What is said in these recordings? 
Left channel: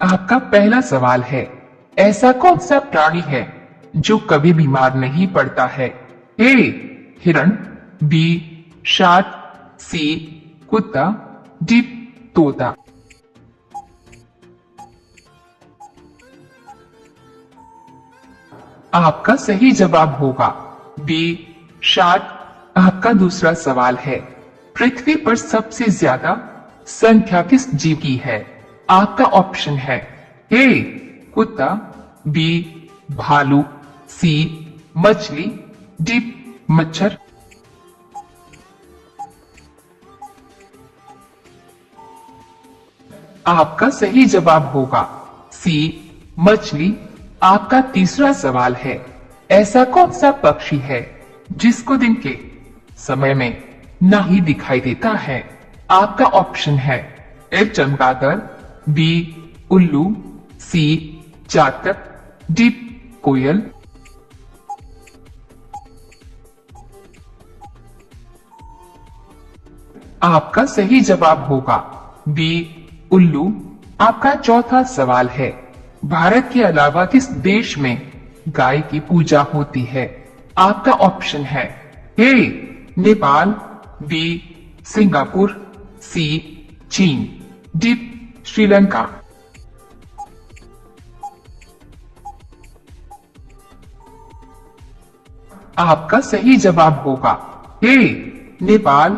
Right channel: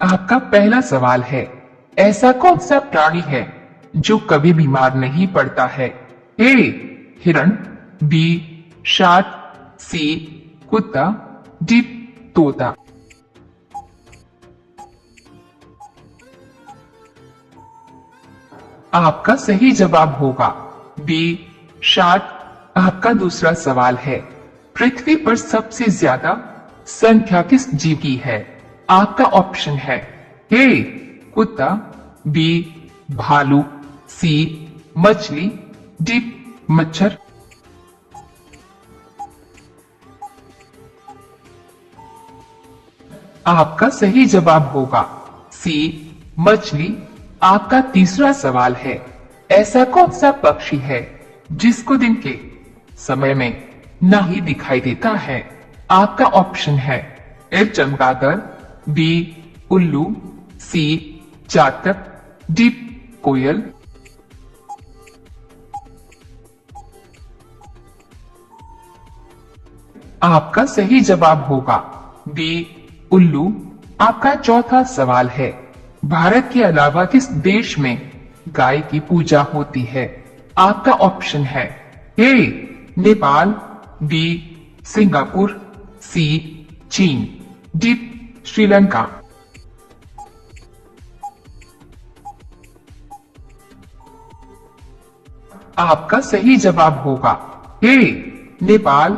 आपका पहला सवाल है, ऐसा कौन सा प्राणी है जो कभी बीमार नहीं पड़ता है? ए हिरण, बी शार्क, सी कुत्ता, डी तोता। आपका सही जवाब होगा बी शार्क। आपका दूसरा सवाल है, पृथ्वी पर सबसे ज्यादा संख्या किस जीव की है? आपका ऑप्शन है ए कुत्ता, बी भालू, सी मछली, डी मच्छर। आपका सही जवाब होगा सी मछली। आपका तीसरा सवाल है, ऐसा कौन सा पक्षी है जिसको दिन के समय में नहीं दिखाई देता है? आपका ऑप्शन है ए चमगादड़, बी उल्लू, सी चातक, डी कोयल। आपका सही जवाब होगा बी उल्लू। आपका चौथा सवाल है, भारत के अलावा किस देश में गाय की पूजा होती है? आपका ऑप्शन है ए नेपाल, बी सिंगापुर, सी चीन, डी श्रीलंका। आपका सही जवाब होगा ए नेपाल।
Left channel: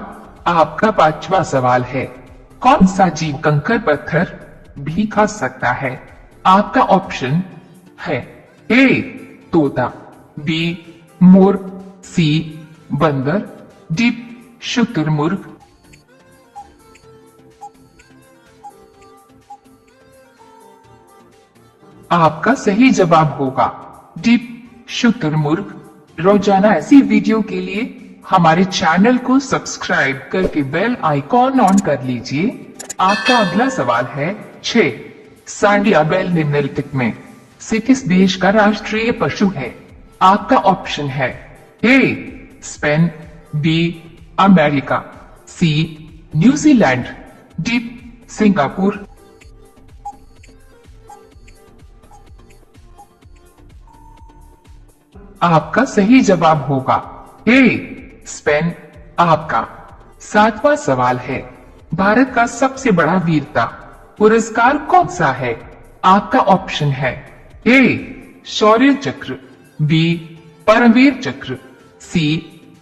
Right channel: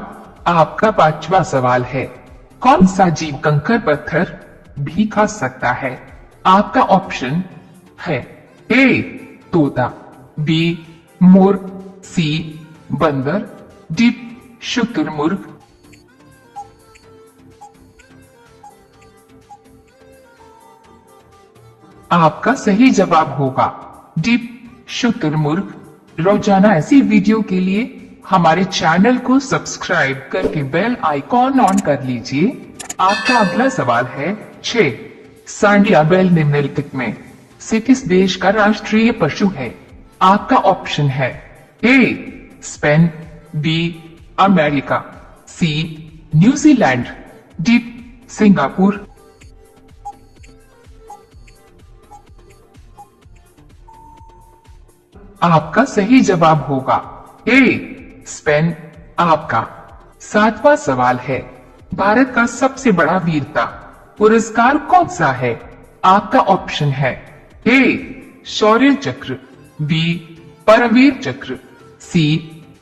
आपका पांचवा सवाल है, कौन सा जीव कंकड़ पत्थर भी खा सकता है? आपका ऑप्शन है ए तोता, बी मोर, सी बंदर, डी शुतुरमुर्ग। आपका सही जवाब होगा डी शुतुरमुर्ग। रोजाना ऐसी वीडियो के लिए हमारे चैनल को सब्सक्राइब करके बेल आइकॉन ऑन कर लीजिए। आपका अगला सवाल है 6, सांडिया बैल निम्नलिखित में से किस देश का राष्ट्रीय पशु है? आपका ऑप्शन है A Spain, B America, C New Zealand, D Singapore. आपका सही जवाब होगा ए स्पेन। आपका सातवां सवाल है, भारत का सबसे बड़ा वीरता पुरस्कार कौन सा है? आपका ऑप्शन है ए शौर्य चक्र, बी परमवीर चक्र, सी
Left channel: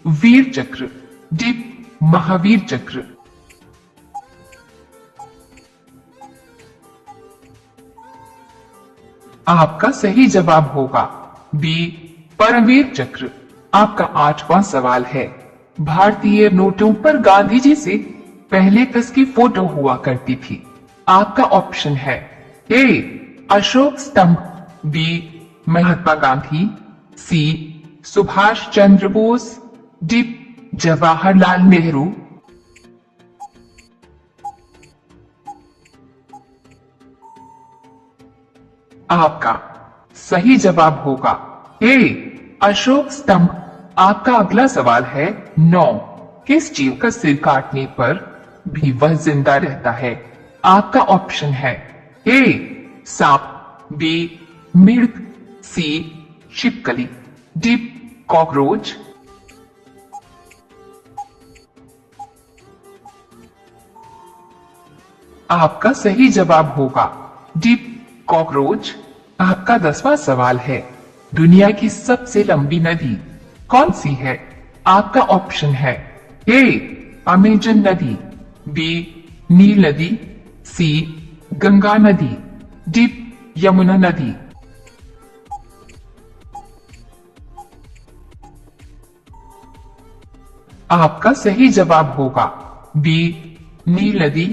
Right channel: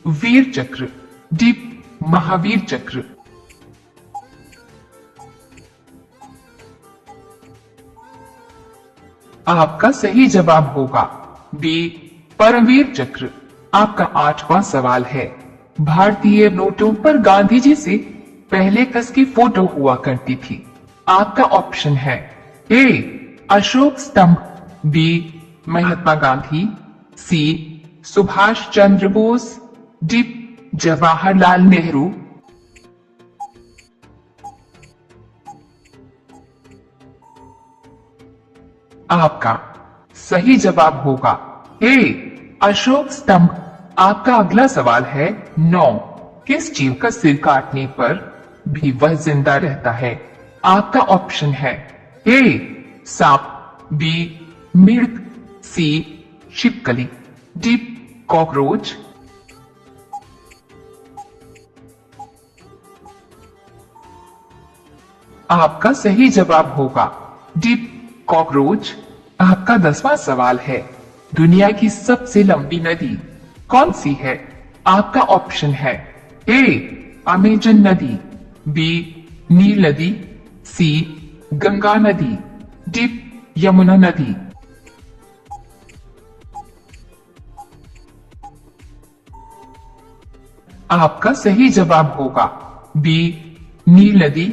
वीर चक्र, डी महावीर चक्र। आपका सही जवाब होगा बी परमवीर चक्र। आपका आठवां सवाल है, भारतीय नोटों पर गांधी जी से पहले किसकी फोटो हुआ करती थी? आपका ऑप्शन है ए अशोक स्तंभ, बी महात्मा गांधी, सी सुभाष चंद्र बोस, डी जवाहरलाल नेहरू। आपका सही जवाब होगा ए अशोक स्तंभ। आपका अगला सवाल है 9, किस जीव का सिर काटने पर भी वह जिंदा रहता है? आपका ऑप्शन है ए सांप, बी मिर्ग, सी छिपकली, डी कॉकरोच। आपका सही जवाब होगा डी कॉकरोच। आपका 10वां सवाल है, दुनिया की सबसे लंबी नदी कौन सी है? आपका ऑप्शन है ए अमेजन नदी, बी नील नदी, सी गंगा नदी, डी यमुना नदी। आपका सही जवाब होगा बी नील नदी।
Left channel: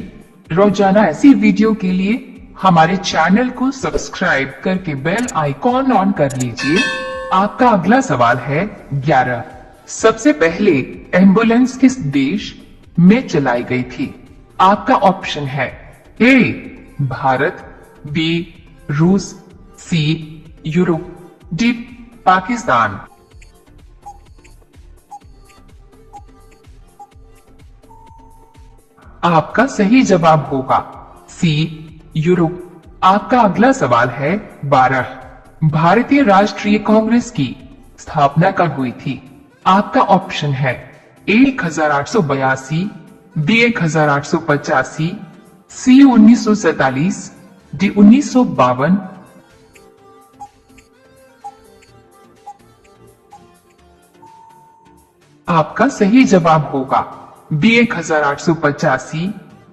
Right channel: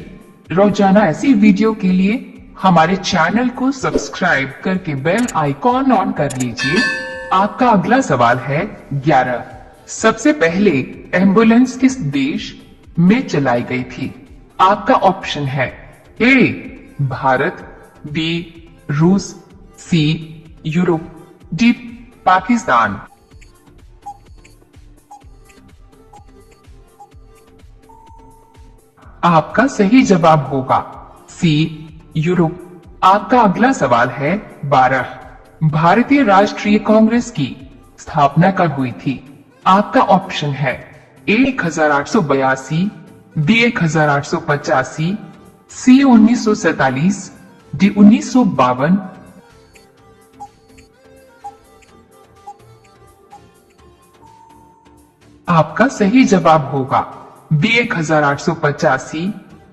रोजाना ऐसी वीडियो के लिए हमारे चैनल को सब्सक्राइब करके बेल आइकॉन ऑन कर लीजिए। आपका अगला सवाल है 11, सबसे पहले एम्बुलेंस किस देश में चलाई गई थी? आपका ऑप्शन है ए भारत, बी रूस, सी यूरोप, डी पाकिस्तान। आपका सही जवाब होगा सी यूरोप। आपका अगला सवाल है 12। भारतीय राष्ट्रीय कांग्रेस की स्थापना कब हुई थी? आपका ऑप्शन है ए 1882, बी 1885, सी 1947, डी 1952। आपका सही जवाब होगा बी 1885।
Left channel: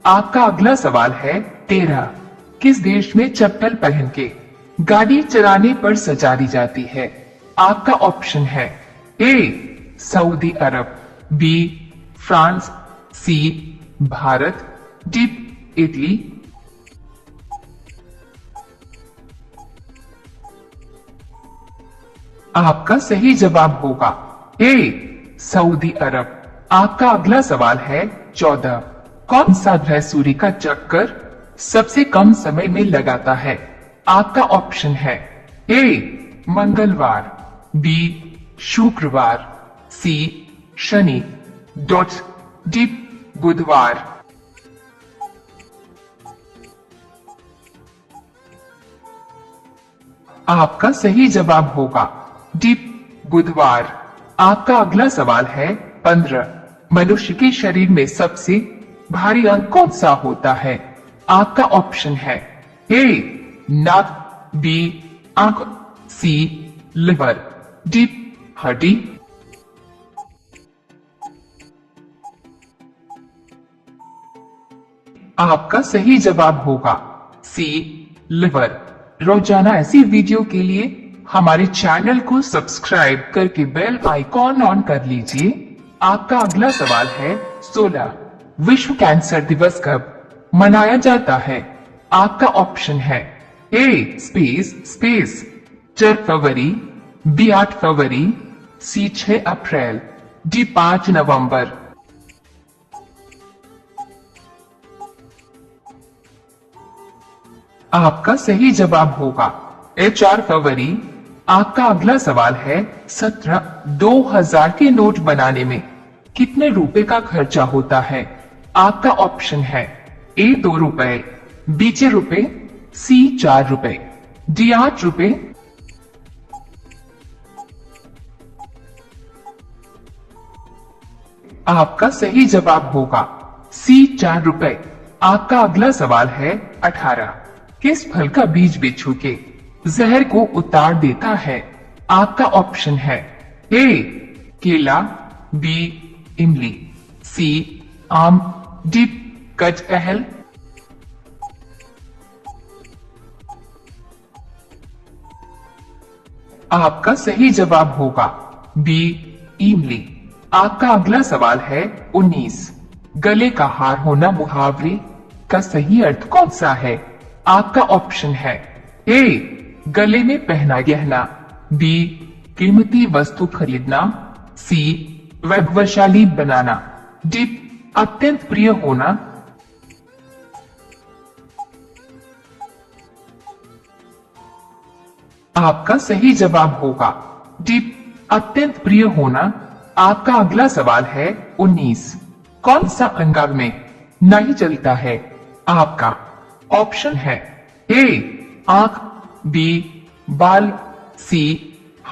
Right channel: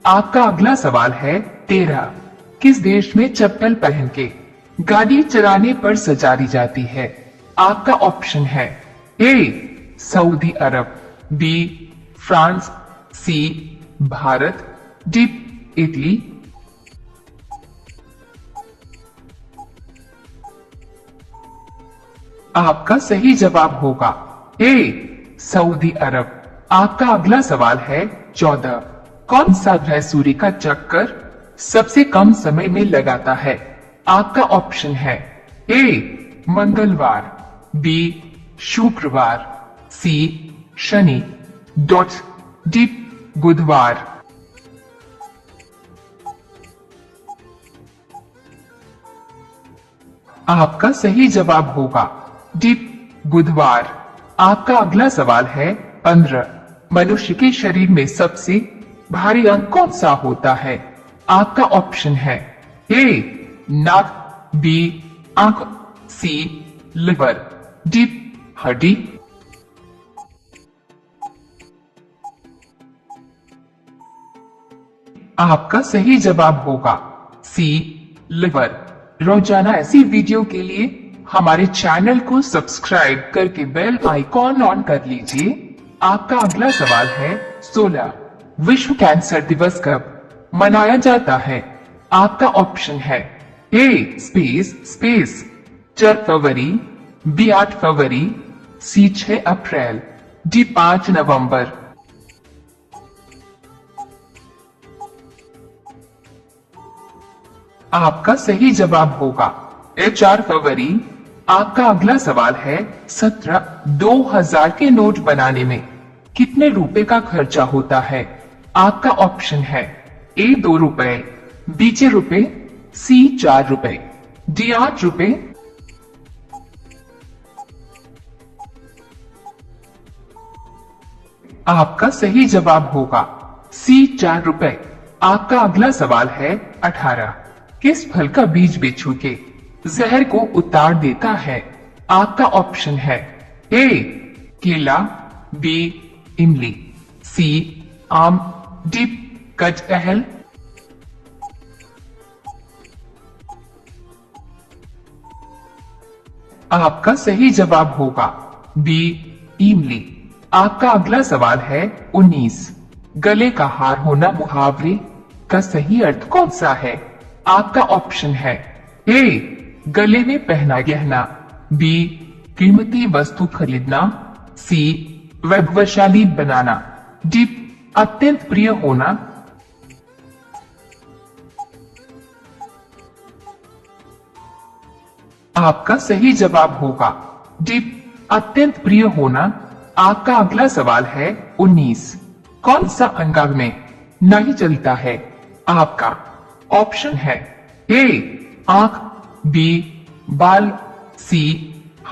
आपका अगला सवाल है 13। किस देश में चप्पल पहन के गाड़ी चलाने पर सजा दी जाती है? आपका ऑप्शन है ए सऊदी अरब, बी फ्रांस, सी भारत, डी इटली। आपका सही जवाब होगा ए सऊदी अरब। आपका अगला सवाल है 14। कौन सा ग्रह सूर्य का चक्कर सबसे कम समय में लगाता है? आपका ऑप्शन है ए मंगलवार, बी शुक्रवार, सी शनि, डी बुधवार। आपका सही जवाब होगा डी बुधवार। आपका अगला सवाल है 15। मनुष्य के शरीर में सबसे भारी अंग कौन सा होता है? आपका ऑप्शन है ए नाक, बी आंख, सी लिवर, डी हड्डी। आपका सही जवाब होगा सी लिवर। रोजाना ऐसी वीडियो के लिए हमारे चैनल को सब्सक्राइब करके बेल आइकॉन ऑन कर लीजिए। आपका अगला सवाल है 16। विश्व कैंसर दिवस कब मनाया जाता है? आपका ऑप्शन है ए स्पेस 4 फरवरी, बी 8 फरवरी, सी 6 अप्रैल, डी 5 नवंबर। आपका सही जवाब होगा ए 4 फरवरी। आपका अगला सवाल है 17। 2000 के नोट बनाने में कितने रुपए का खर्चा होता है? आपका ऑप्शन है ए 2 रुपए, बी 6 रुपए, सी 4 रुपए, डी 8 रुपए। आपका सही जवाब होगा सी 4 रुपए। आपका अगला सवाल है 18। किस फल का बीज बिच्छू के जहर को उतार देता है? आपका ऑप्शन है ए केला, बी इमली, सी आम, डी कटहल। आपका सही जवाब होगा बी इमली। आपका अगला सवाल है 19। गले का हार होना मुहावरे का सही अर्थ कौन सा है? आपका ऑप्शन है ए गले में पहना गहना, बी कीमती वस्तु खरीदना, सी वैभवशाली बनाना, डी अत्यंत प्रिय होना। आपका सही जवाब होगा डी अत्यंत प्रिय होना। आपका अगला सवाल है 19। कौन सा अंग में नहीं चलता है? आपका ऑप्शन है ए आंख, बी बाल, सी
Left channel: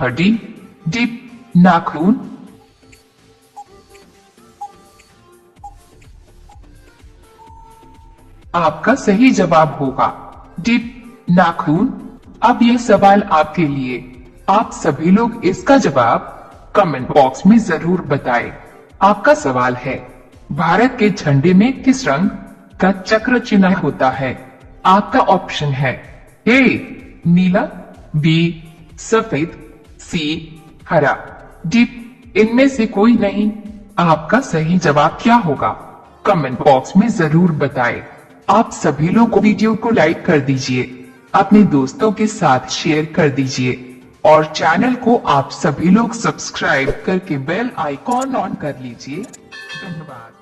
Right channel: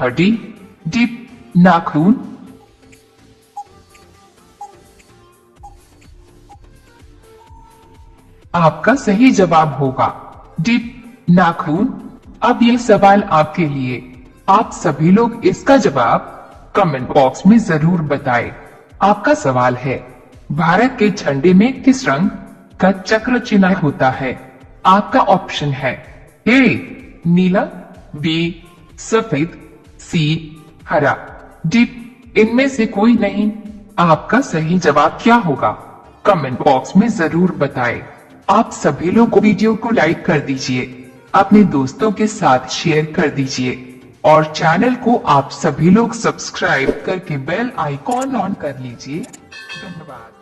हड्डी, डी नाखून। आपका सही जवाब होगा डी नाखून। अब यह सवाल आपके लिए। आप सभी लोग इसका जवाब कमेंट बॉक्स में जरूर बताएं। आपका सवाल है भारत के झंडे में किस रंग का चक्र चिन्ह होता है? आपका ऑप्शन है ए नीला, बी सफेद, सी हरा, डी इनमें से कोई नहीं। आपका सही जवाब क्या होगा? कमेंट बॉक्स में जरूर बताएं। आप सभी लोग वीडियो को लाइक कर दीजिए, अपने दोस्तों के साथ शेयर कर दीजिए और चैनल को आप सभी लोग सब्सक्राइब करके बेल आइकॉन ऑन कर लीजिए। धन्यवाद।